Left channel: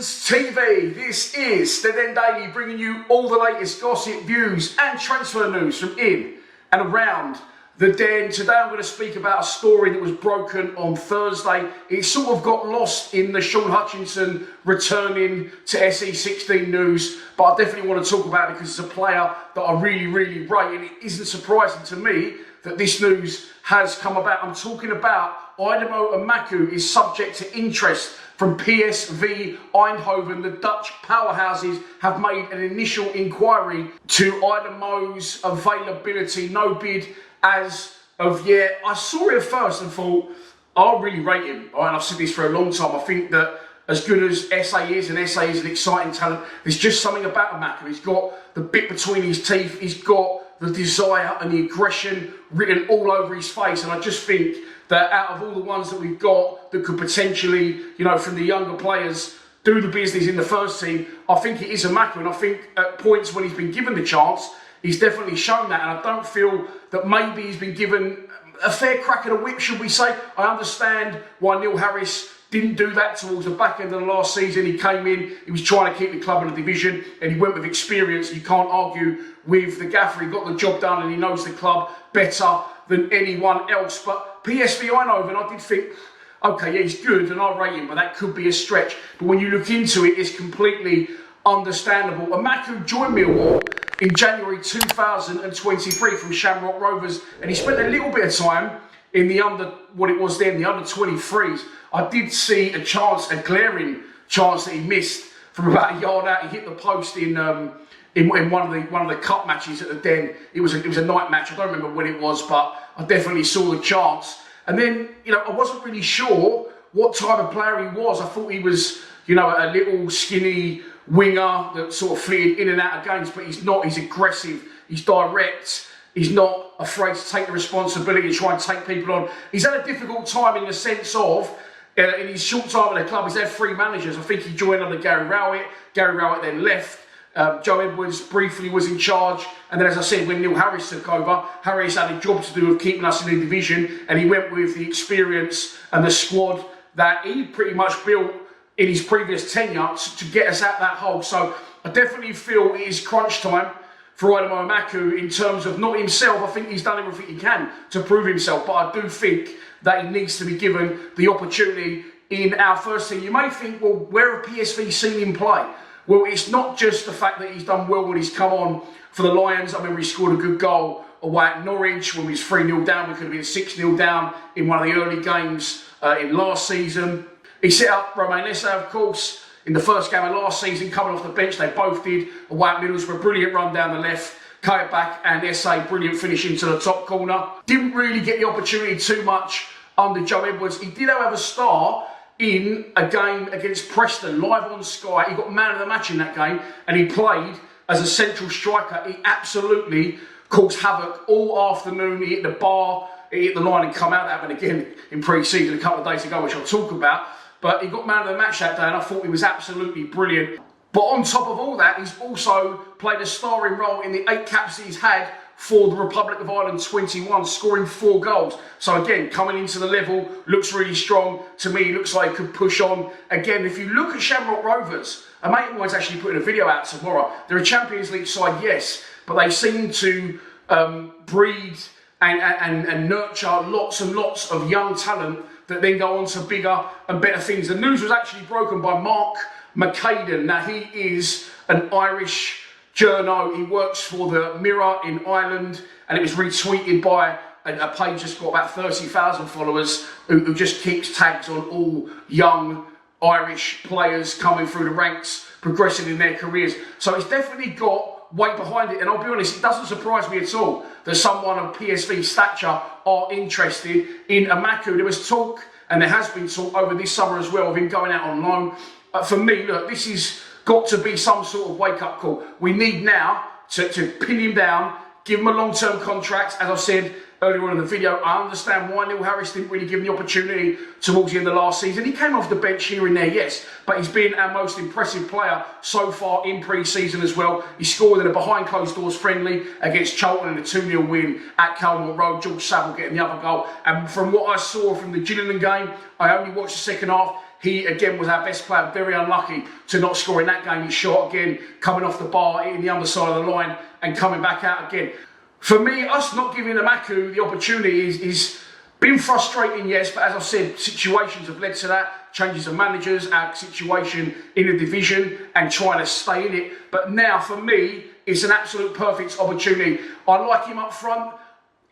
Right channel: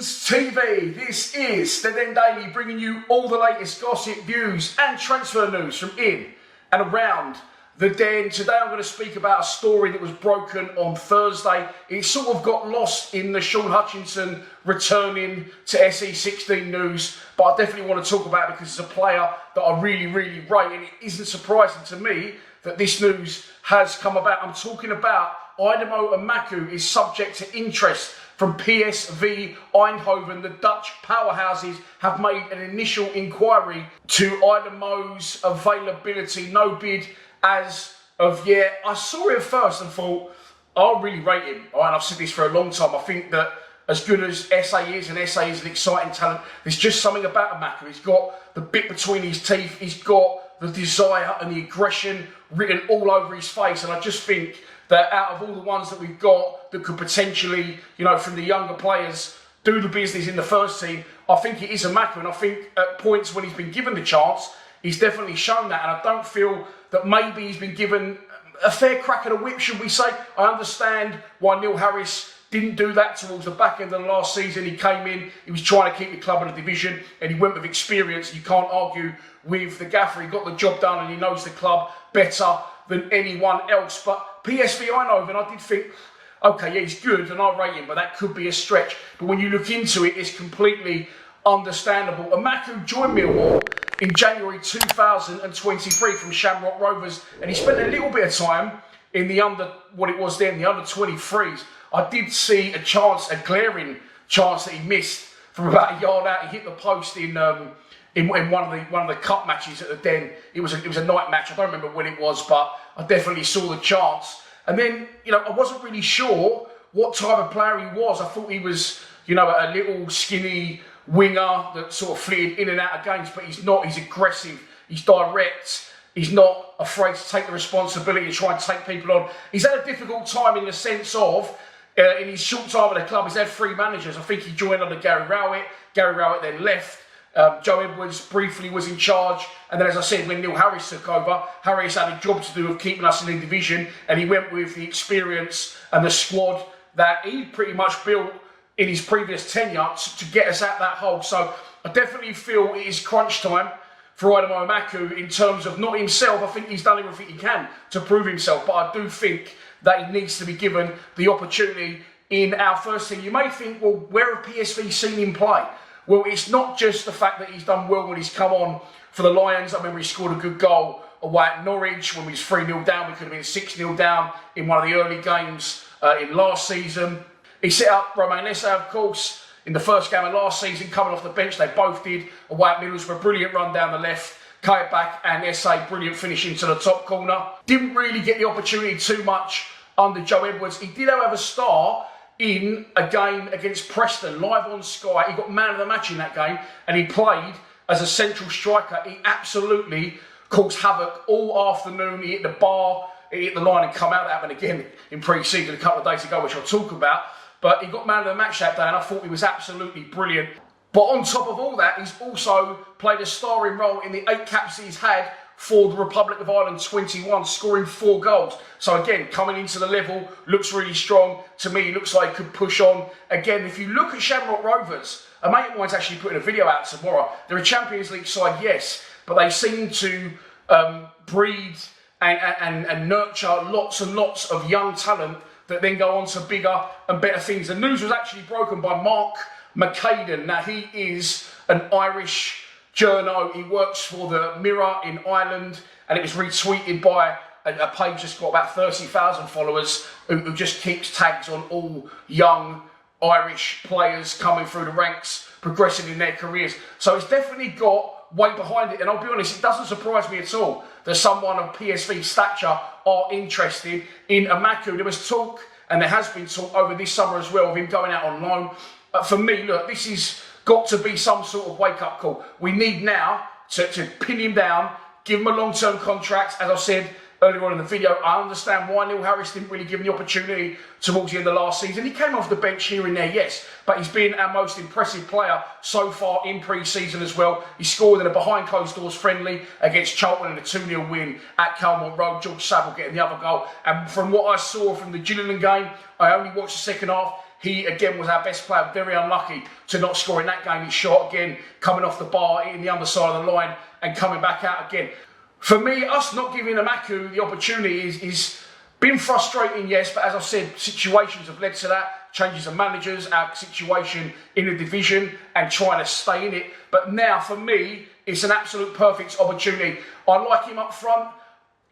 TV. This is the Den Daily, bringing you all the latest gossip, views and transfer news from in and around the Den. Today I'm going to speak about a story that was broken on Thursday. It sort of got lost in the Sean Hutchinson returning to SE16 news, but I definitely want to talk about it because it's a player that I really rate, and it isn't surprising to me that this news has come about. I'm talking about Aidomo Emakhu is subject to interest from PSV Eindhoven. The Dutch powerhouses have made an initial inquiry to Aidomo's availability. No bid as of yet. I saw it first and thought, I really rate him. And I've said this for a long time. I think that as good as SA is, and SA is an exciting talent, there's just something about Emakhu. He's got the bit between his teeth. He's got the desire and the aggression written all over his face. And I just think that out of all the ones that we've got that could potentially, you know, from the younger players, do the business in the first team, I think it is Emakhu. And I think at points when he's been given the chance, he's definitely shown that. And I don't feel that maybe he's been given a fair crack at a whip, should we say. I understand why Neil Harris didn't do that towards the back end of the last season. He came in, he was trying to keep the club in the division, and he went with experience. You can't argue with the gaffer. He got the job done and he knows the club better than anyone else. But PSV Eindhoven, I did think, okay, yeah, he's good and I rate him, but that could be a stretch. But when you look into it, it's completely understandable. Emakhu joined Millwall in January 2023 from Shamrock Rovers, and he spent a little bit of time in the under 23s. I did see a glaring chance that he missed from about a yard out. He hit the post in one of the cup matches at the Den. It was a night match. I don't remember when it was, but I definitely saw the chance. And then, you know, I wasn't really sure what type of player he was. I thought he was, you know, a little skinny winger that sort of flitted in and out of games, but he's not. He's aggressive. He's direct. He's not afraid to take the responsibility and try and take people on. He's had a difficult time in the sense of, in his short time at the club, he's had 3 managers. I think he joined under Gary Rowett. Gary Rowett then left. Joe Edwards briefly was in charge. And then, as I said, when Neil Harris took over, Harris had a job to do with keeping us in the division. And he went with the experience and the squad that he pretty much built in his previous tenure to get us out that hole. So I definitely feel it is crunch time for Aidomo Emakhu in terms of not himself. I think he's done everything he can to prove himself, but I do think that he needs to be given the opportunity in our first team. You may think, well, where have PSV seen him play? Well, it's not just the fact that he's done well when he's come on for the Lions. I remember he scored a good goal away at Norwich when we was 3-0 down. We could have been 6-0 down in one of the early games in last season. He set up Romain Esse, of course, in the first game of last season, coming off the bench. They both did away at Middlesbrough. Brilliant run down the left, cut it back, and Esse, brilliant finish into the top corner. Didn't really get the opportunity too much under Joe Edwards. He did, however, start in a game against Preston, live on Sky. He got man of the match in that game, and he played as a central striker. He absolutely caused havoc all afternoon. He hit the bar, he hit the line and come out. That happened again in pre-season a couple of days ago, which I'll talk about. But he got man of the match that day, and I thought he was absolutely brilliant. But on top of all that, he's also played a starring role in the 8 caps that he's had for the Republic of Ireland 21, scoring 4 goals. So again, coming into the level, looks really strong. To me, he looks like he could push on. Again, if you look at Shamrock Rovers, a mate of mine's actually putting a video out tomorrow. They're a Champions League side, yes, but they seem to breed and nurture lots and lots of young talent that then go on to bigger and better things. The news was actually broken by Mark McCaden. Now, he is an Irish journo. He works for the Mirror in Ireland, and it was retweeted by a page that's got about 30,000 followers who just keeps tags on all young Irish players coming through the ranks, progressing in their careers. So it's definitely got weight behind it, and I'll be honest, it doesn't surprise me at all that someone of PSV stature are interested in Emakhu. There was talk, and there has been talk over this summer as well, of him going out on loan. For me, look, this has got to be some sort of wake-up call. We need now to pin him down, give him a long-term contract, as I said, earlier on in the video, I understand why Neil Harris didn't really give him the opportunity towards the end of last season. He came off the bench here and there, yes, but he's been our most impressive player so far in pre-season as well. He scored in a behind closed doors friendly against Charlton in a 2-0 win at Calmont Road. George Saville getting the other goal. And from what I saw from the Gillingham game, I only watched the second half. He, again, was our best player. Very unlucky to not score in that game. He shot again, coming off the bar, hitting the underside of the line and coming back out again. For me, us not giving Emakhu the opportunity is been frustrating, yes, but as I said, situations have led to that. Changes of managers, our situation in the division and trying to stay in it. But now, for me, it's an absolute perfect opportunity. I like him up front.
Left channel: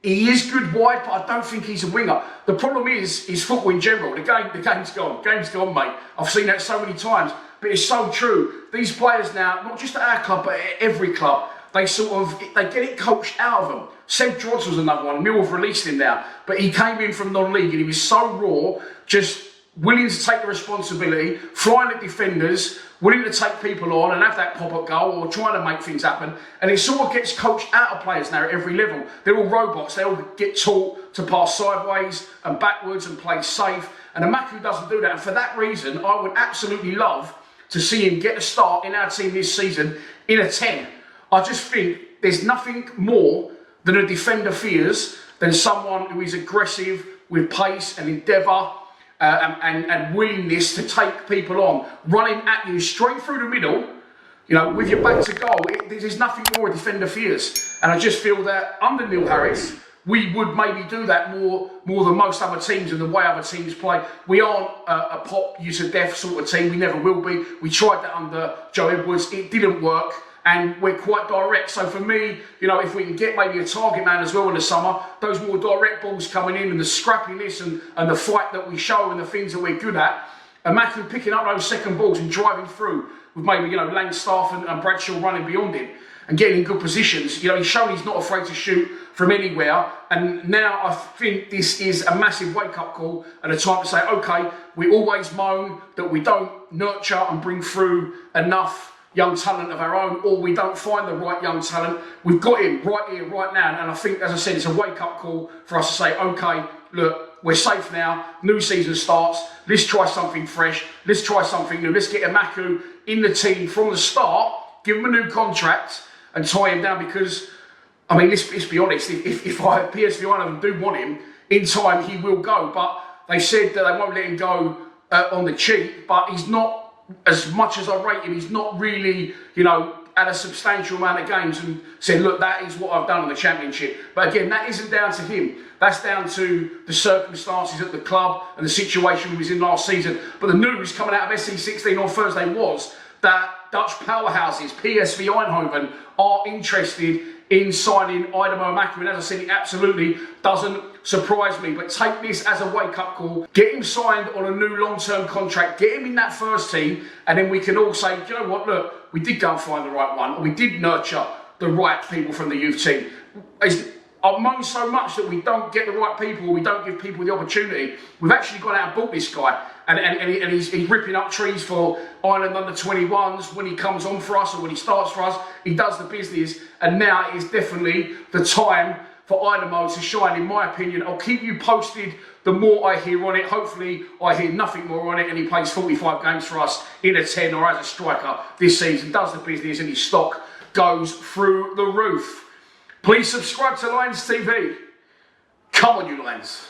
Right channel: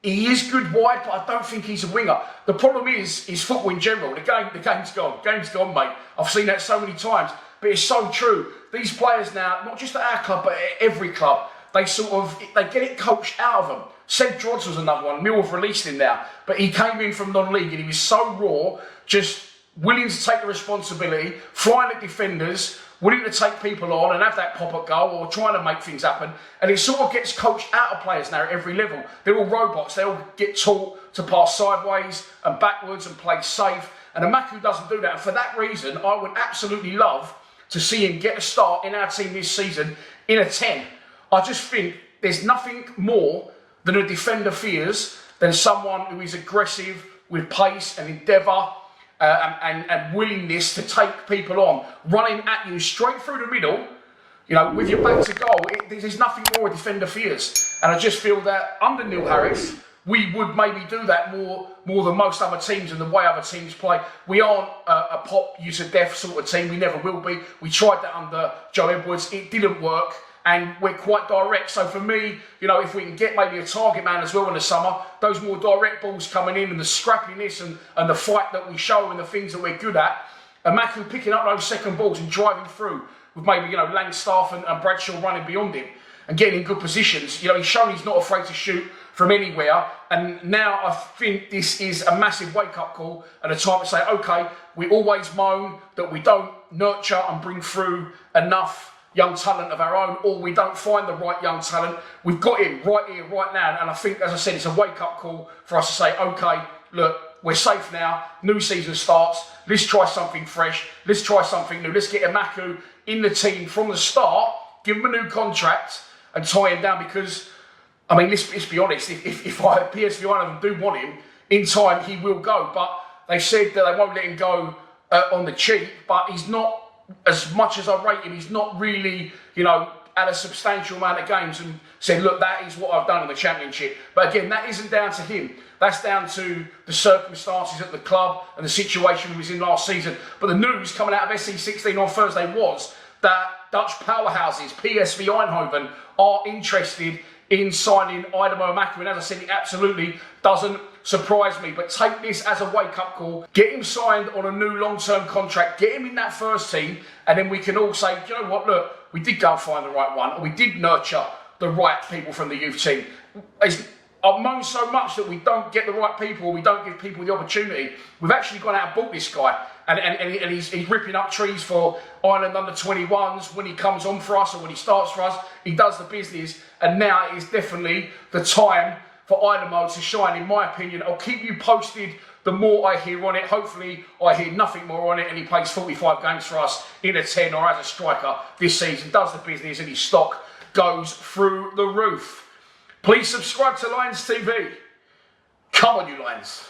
He is good wide, but I don't think he's a winger. The problem is football in general. The game's gone. Game's gone, mate. I've seen that so many times, but it's so true. These players now, not just at our club, but at every club, they get it coached out of them. Seb Drodds was another one. Millwall have released him now, but he came in from non-league and he was so raw, just willing to take the responsibility, flying at defenders, willing to take people on and have that pop-up goal or trying to make things happen. And it sort of gets coached out of players now at every level. They're all robots. They all get taught to pass sideways and backwards and play safe. And Emakhu doesn't do that. And for that reason, I would absolutely love to see him get a start in our team this season in a 10. I just think there's nothing more than a defender fears than someone who is aggressive with pace and endeavour and willingness to take people on, running at you straight through the middle, you know, with your back to goal. There's nothing more a defender fears. And I just feel that under Neil Harris, we would maybe do that more than most other teams and the way other teams play. We aren't a pop you to death sort of team. We never will be. We tried that under Joe Edwards. It didn't work. And we're quite direct. So for me, you know, if we can get maybe a target man as well in the summer, those more direct balls coming in and the scrappiness and the fight that we show and the things that we're good at, Emakhu picking up those second balls and driving through with maybe, you know, Langstaff and Bradshaw running beyond him and getting in good positions. You know, he's shown he's not afraid to shoot from anywhere. And now I think this is a massive wake-up call and a time to say, okay, we always moan that we don't nurture and bring through enough young talent of our own, or we don't find the right young talent. We've got him right here, right now. And I think, as I said, it's a wake-up call for us to say, okay, look, we're safe now. New season starts. Let's try something fresh. Let's try something new. Let's get Emakhu in the team from the start, give him a new contract and tie him down because, I mean, let's be honest, if PSV Eindhoven do want him, in time he will go. But they said that they won't let him go on the cheap, but he's not, as much as I rate him, he's not really, you know, had a substantial amount of games and said, look, that is what I've done in the Championship. But again, that isn't down to him. That's down to the circumstances at the club and the situation he was in last season. But the news coming out of SC16 on Thursday was that Dutch powerhouses, PSV Eindhoven, are interested in signing Aidomo Emakhu. And as I said, it absolutely doesn't surprise me. But take this as a wake-up call. Get him signed on a new long-term contract. Get him in that first team. And then we can all say, you know what, look, we did go and find the right one. Or we did nurture the right people from the youth team. I've moaned so much that we don't get the right people, or we don't give people the opportunity. We've actually gone out and bought this guy. And he's ripping up trees for Ireland under 21s when he comes on for us or when he starts for us. He does the business. And now is definitely the time for Aidomo to shine, in my opinion. I'll keep you posted the more I hear on it. Hopefully I hear nothing more on it and he plays 45 games for us in a 10 or as a striker this season, does the business, and his stock goes through the roof. Please subscribe to Lions TV. Come on, you Lions.